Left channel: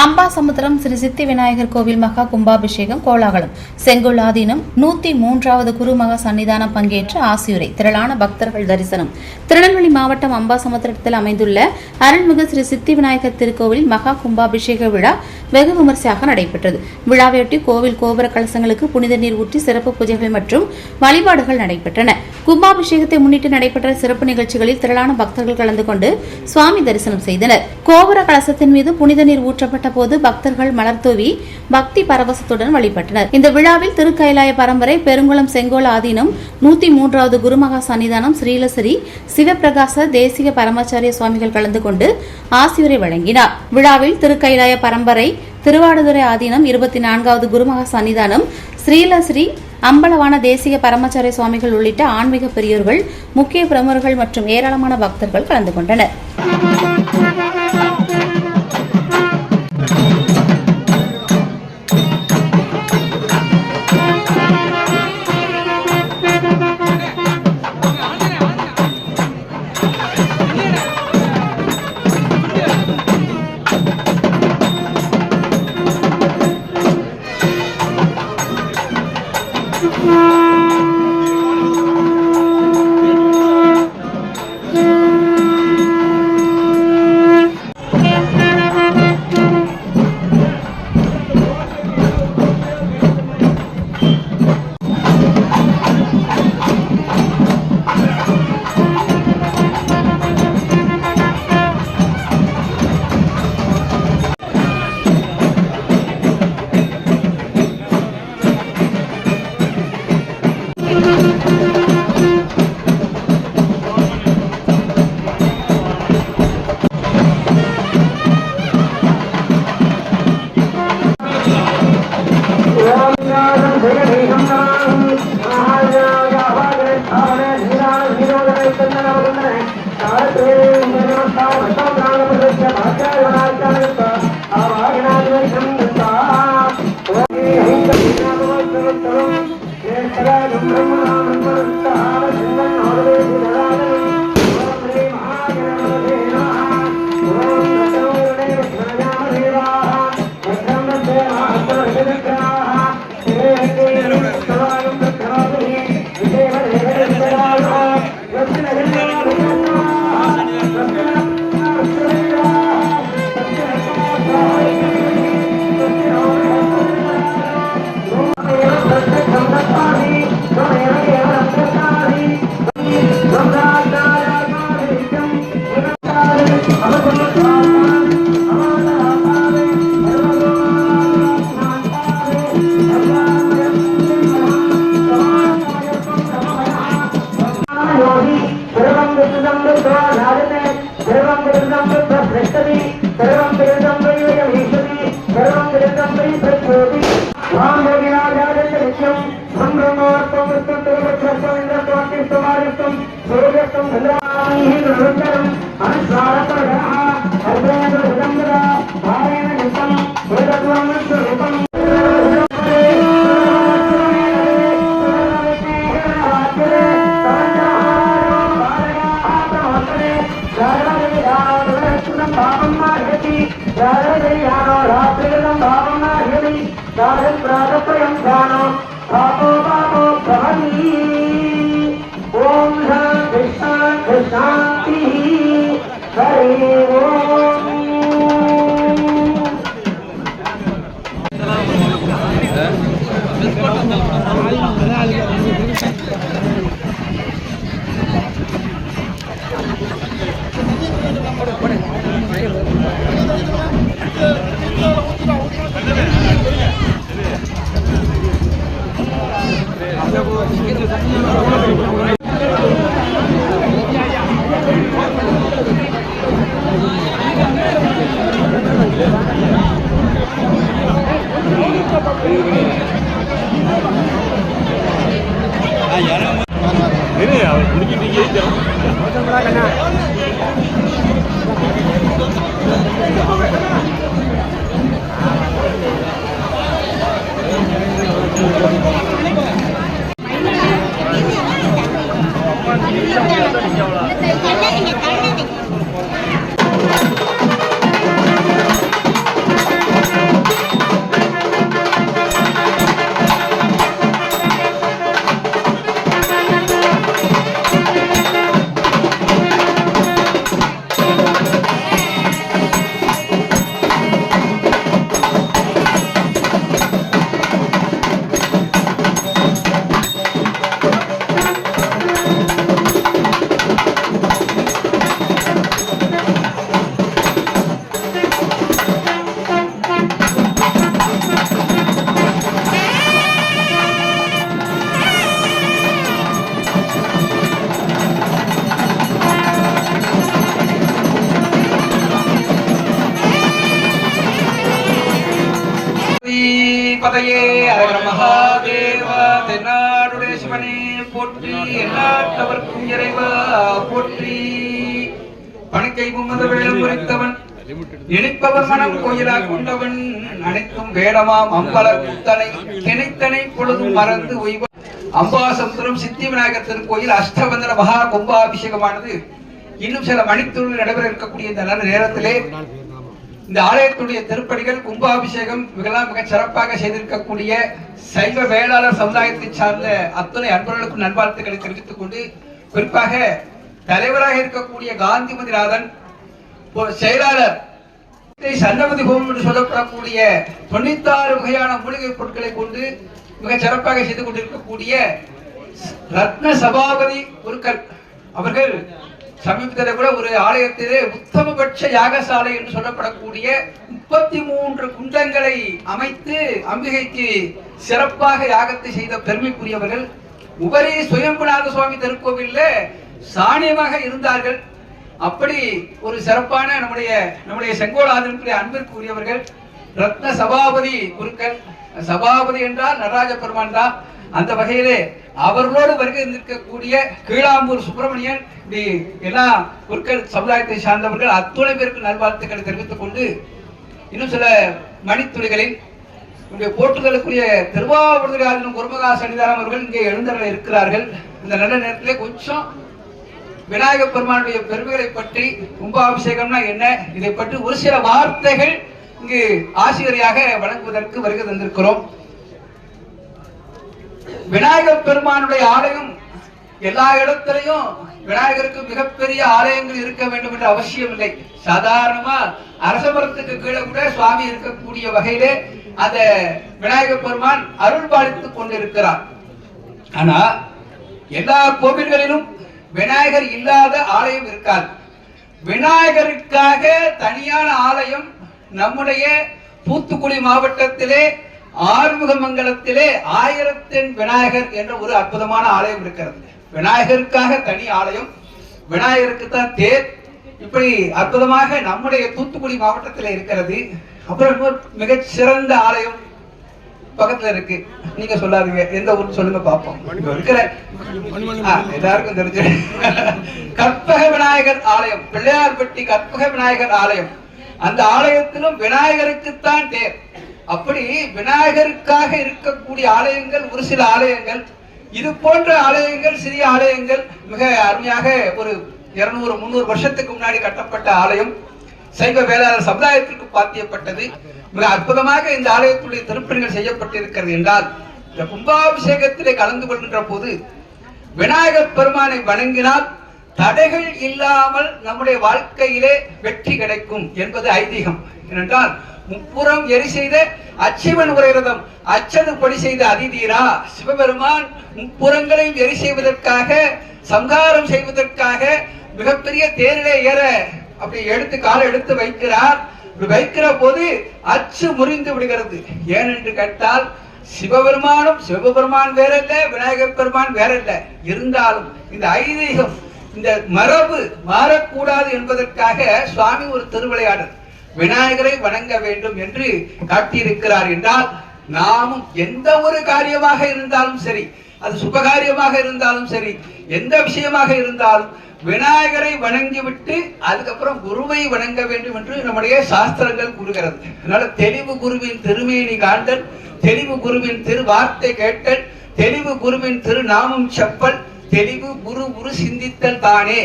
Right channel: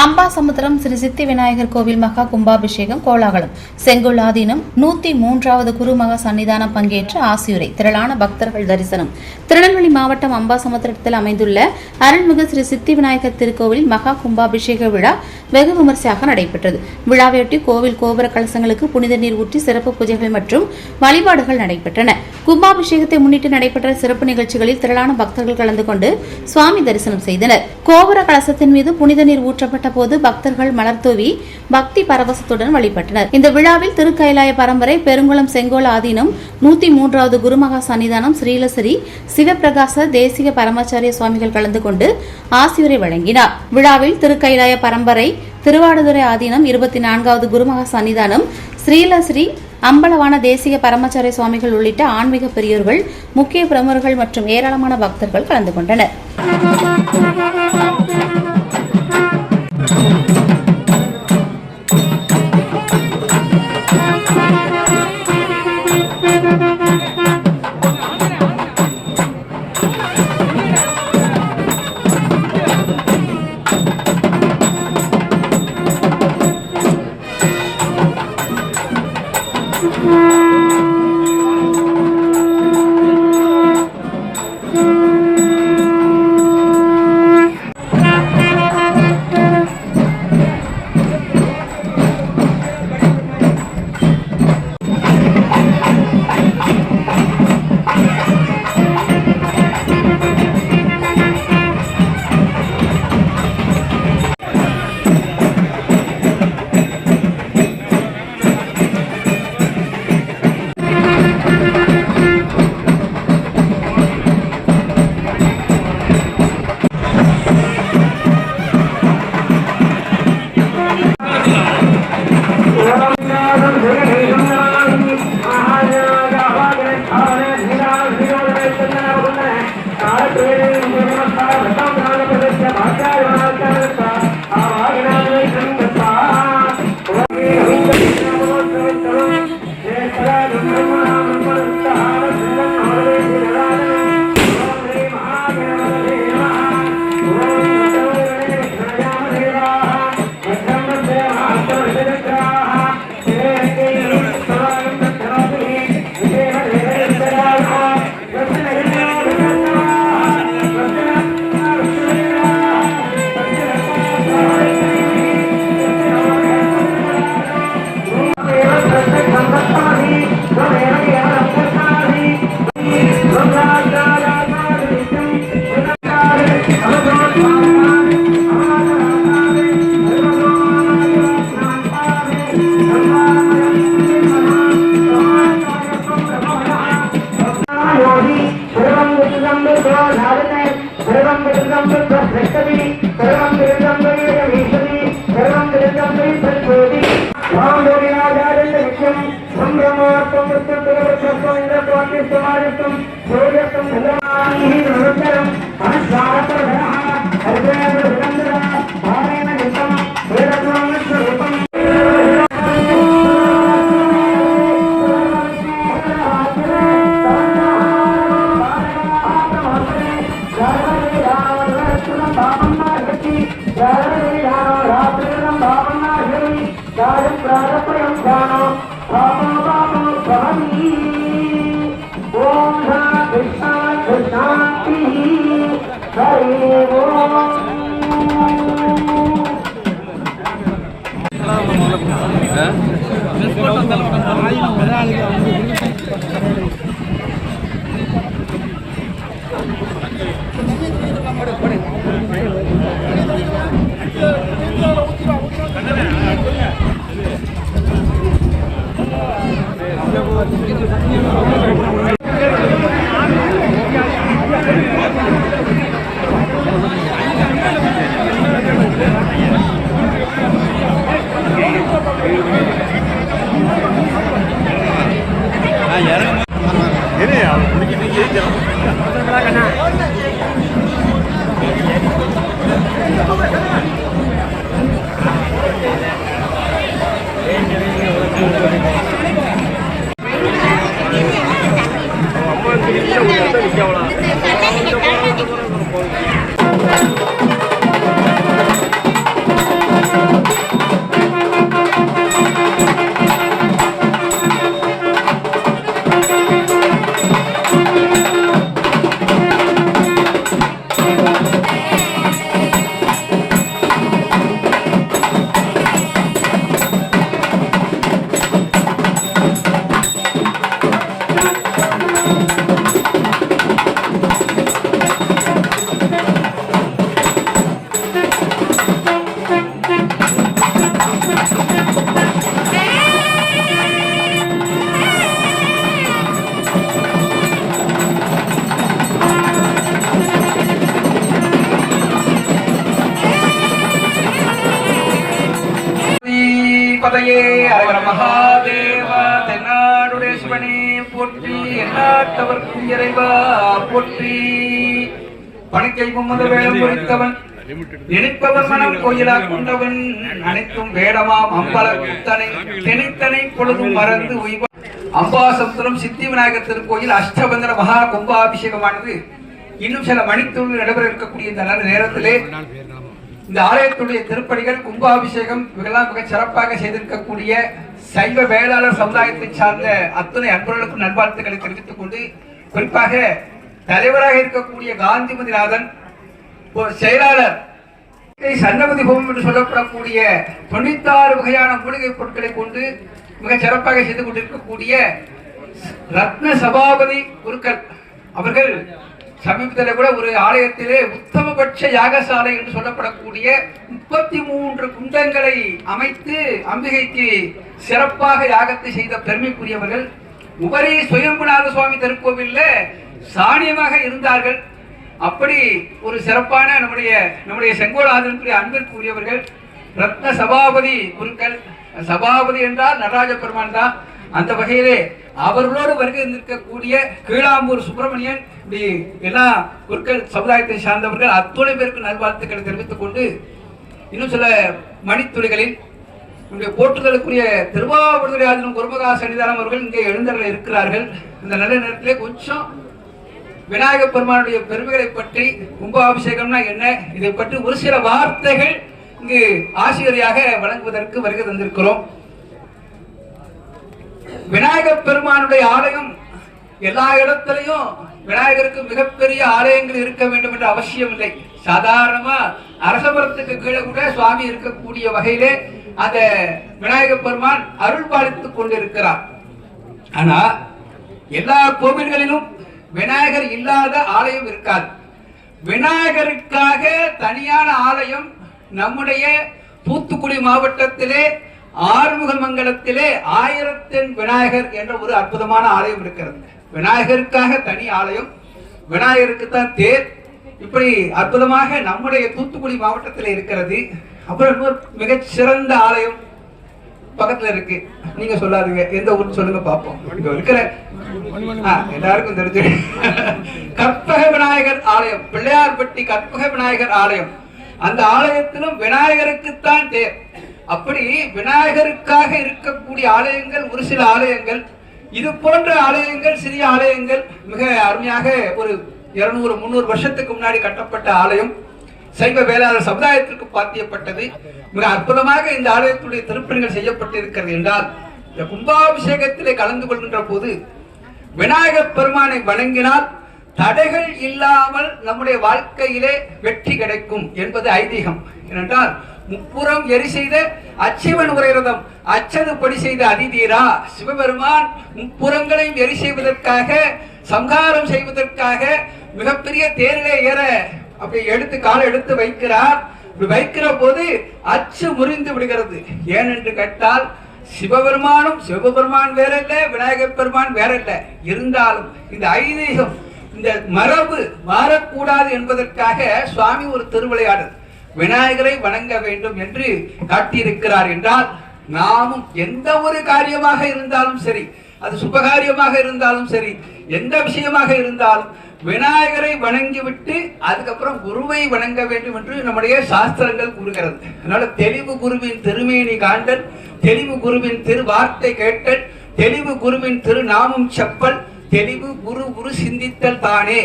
அம்பாசமுத்திரம் ஸ்ரீ சித்தி விநாயகர் கோவில் மகா கும்பாபிஷேகம் கோலாகலம். செங்கோல் ஆதீனம் 103வது குருமகா சன்னிதானம் பங்கேற்று ஆசியுரை. திரளான பக்தர்கள் தரிசனம். திருநெல்வேலி மாவட்டம் அம்பாசமுத்திரத்தில் அமைந்துள்ள அருள்மிகு ஸ்ரீ சித்தி விநாயகர் திருக்கோவிலில் மகா கும்பாபிஷேக விழா வெகு விமர்சையாக நடைபெற்றது. விழாவையொட்டி கோவில் கோபுர கலசங்களுக்கு புனித நீர் ஊற்றி சிறப்பு பூஜைகள் மற்றும் வழிபாடுகள் நடைபெற்றன. கும்பாபிஷேகத்தை முன்னிட்டு நடைபெற்ற சிறப்பு நிகழ்ச்சிகளில் திரளான பக்தர்கள் கலந்து கொண்டு சுவாமி தரிசனம் செய்தனர். கோபுர கலசத்தின் மீது புனித நீர் ஊற்றப்பட்ட போது பக்தர்கள் மலர் தூவி பக்தி பரவசத்துடன் வழிபட்டனர். இந்த விழாவில் திருக்கைலாய பரம்பரை பெருங்குளம் செங்கோல் ஆதீனம் 103வது குருமகா சன்னிதானம் ஸ்ரீலஸ்ரீ சிவபிரகாச தேசிக பரமாச்சாரிய சுவாமிகள் கலந்து கொண்டு ஆசியுரை வழங்கினார். விழாவில் திருக்கைலாய பரம்பரை திருவாடுதுறை ஆதீனம் 24வது குருமகா சன்னிதானம் ஸ்ரீலஸ்ரீ அம்பலவான தேசிக பரமாச்சாரிய சுவாமிகள் உள்ளிட்ட ஆன்மீக பெரியோர்கள், முக்கிய பிரமுகர்கள் மற்றும் ஏராளமான பக்தர்கள் கலந்து கொண்டனர். வேங்கை முகமது வேடம் முடித்தவன் நினைப்பவர் மனம் கோயிலா கொண்டவன் அனைத்தும் வேடமாம் அம்பல குத்தனை திணைத்தனை பொழுதும் மறந்து உய்வ அம்பாசமுத்திரம் சித்தி விநாயகர் திருக்கோயில் அஷ்டபந்தர மகா கும்பாபிஷேகமானது இன்னும் சில மணித்துள் நடைபெற இருக்கக்கூடிய இந்த நல்ல நேரத்திலே இந்த ஆலயத்துடைய திருப்பணிகள் கும்பாபிஷேகம் இதெல்லாம் மிக சிறப்பாக செய்திருக்கக்கூடிய சைவ வேளாளர் சமுதாயத்தை சார்ந்த அத்தனை அன்பர்களுக்கும் நல்வாழ்த்துக்களை தெரிவித்துக் கொண்டு குறிப்பாக தலைவராக இருக்கக்கூடிய காந்திமதிநாதன் செயலாளர் சன்னபதி ஹோமம் என்று சொல்லப்படக்கூடிய 96 வகையான மூலிகை பொருட்களை கொண்டு மிக சிறப்பாக செய்து கொண்டிருக்கக்கூடிய ரத்ன சபாபதி குருக்கள் அவர்கள் சமீபத்தில் கூட ஒரு ஆலயத்திலே உத்தமபட்ச யாகசாலை என்று சொல்லப்படக்கூடிய 33 குண்டங்களை அமைத்து அம்பிகைக்கு சிறப்பாக யாகத்தை செய்த பெருமைக்குரியவர்கள். உபரி சுயம்புநாத சுவாமி திருக்கோவில்ல சாணியமாக இருந்தார்கள். அப்படி ஒரு சிறப்பான நம்முடைய செங்கோலாதனுடைய அன்பிற்குரியவர்கள் ரத்ன சபாபதி குருக்கள். சபாபதி என்றால் நடராஜ பெருமான் தான். அந்த வகையிலே அவர்களோடு வருகை நிற்கக்கூடிய கீழாம்பூர் சுப்பிரமணியன் இப்படி எல்லா குருக்கள் சமுதாயத்தை சார்ந்தவர்கள் அத்துணை பேருக்கு நல்வாழ்த்துக்களை தெரிவித்துக் கொண்டு இன்னும் சில மணித்துளிகளில் போற்றுதலுக்குரிய திருவாவூர் குருமகா சன்னிதானம் அவர்கள் இங்கே எழுந்தவர்கள் இருக்கிறார்கள். இந்த நல்ல நேரத்திலே கொஞ்சம் விநாயகப் பெருமானுடைய பெருமைகளை பற்றி கும்பாபிஷேகம்னா என்ன இதை பற்றி ஒரு சில வார்த்தைகள் இங்கு ஆசிரியராக வழங்குவதற்கு வருகை தந்திருக்கிறோம். விநாயகப் பெருமானுடைய ஆலயம் எல்லா இடத்திலையும் விநாயகருக்கு மிகப்பெரிய ஆலயங்கள் இருக்க வேண்டும் என்ற அவசியம் இல்லை. சாதாரணமா அரசமரத்துக்கு கீழே கூட சுவாமி இருக்கக்கூடிய வகையிலே அந்த விநாயகப் பெருமான் அருள் பாலித்துக் கொண்டிருக்கிறார். ஆனா எல்லா கோவில்களிலும் விநாயகர் இல்லாத ஆலயம் இருக்காது. விநாயகருக்காக தனியான ஆலயம் நம்முடைய தூத்துக்குடி மாவட்டத்திலே ஆறுமுகமங்கலத்திலே 1000 விநாயகர் என்ற ஒரு அற்புதமான ஆலயம் இருக்கிறது. விநாயகருக்காக தனி ஆலயம், விநாயகருக்கு தான் தேர். இப்படி அற்புதமாக நம்முடைய தூத்துக்குடி மாவட்டத்தில் இருக்கிறது. அப்புறம் மிகச் சிறந்த ஆலயம் பக்கத்துல இருக்கு. நீங்க சொல்லாதீங்க எந்த ஊர் சொல்லுங்க பார்ப்போம். இருக்கிற எல்லாருக்கும் தெரிஞ்சு கற்பக விநாயகர் ஆலயம், பிள்ளையார்பட்டி கற்பக விநாயகர் ஆலயம். அந்த ஆலயத்திலும் விநாயகருக்குத்தான் தேர். அப்படி விநாயகருக்காக இருக்கக்கூடிய ஆலயங்கள் ஒரு சில ஆலயங்கள். இது போன்ற ஆலயங்கள் சிறிய ஆலயங்கள் மிக அருமையாக ஒரு 200-300 வருஷத்துக்கு முன்னாடி கட்டப்பட்ட ஆலயம் சைவ வேளாளர் சமுதாயத்திற்கு பாத்தியப்பட்டது. மிக அற்புதமாக இந்த ஆலயத்துடைய திருப்பணிகள் செய்யப்பட்டிருக்கிறது என்றால் இந்த கும்பாபிஷேகத்திலே கலந்து கொள்கின்ற போது விநாயகப் பெருமானை வணங்கினால் தடைகள் இல்லாமல் நம்முடைய வாழ்க்கையிலே வெற்றி கிடைக்கும் என்பது ஐதீகம். ஏனென்றால் முப்புறம் எரி செய்த அச்சிவன் உரைரதம் அச்சது படி செய்த அதிதீரா சிவபெருமான் முப்புறங்களையும் எரி செய்வதற்காக சம்ஹாரம் செய்வதற்காக மிகப்பெரிய தேரிலே ஏற அப்படி எடுத்து காலை எடுத்து வைக்கிறார். வைக்கிற போது அச்சு முறிந்து விடுகிறது. ஏனென்று கேட்டால் சிவபெருமான் வேற இல்ல, விநாயகப் பெருமான் வேற இல்ல. இருந்தாலும் இந்த ஐதீகம் இந்த மரபு மாறக்கூடாது என்பதற்காக சுவாமி ஒரு திருவிளையாடல் விநாயகரை வணங்க வேண்டும் என்று காட்டியிருக்கிறார். என்றால் நாமும் எந்த ஒரு காரியமாக இருந்தாலும் சரி, அது சுபகாரியமாக இருந்தாலும் சரி, எந்த விஷயமாக இருந்தாலும் விநாயகரை வணங்கிவிட்டு அதுக்கப்புறம் குருவை வணங்க வேண்டும் என்று நம்முடைய சாஸ்திரங்கள் கூறுகிறது. அதனால தெளிவு குருவின் திருமேனி காண்டல், தெளிவு குருவின் திரு வார்த்தை கேட்டல், தெளிவு குருவின் திரு நாமம் செப்பல், தெளிவு குரு சிந்தித்தல் தானே.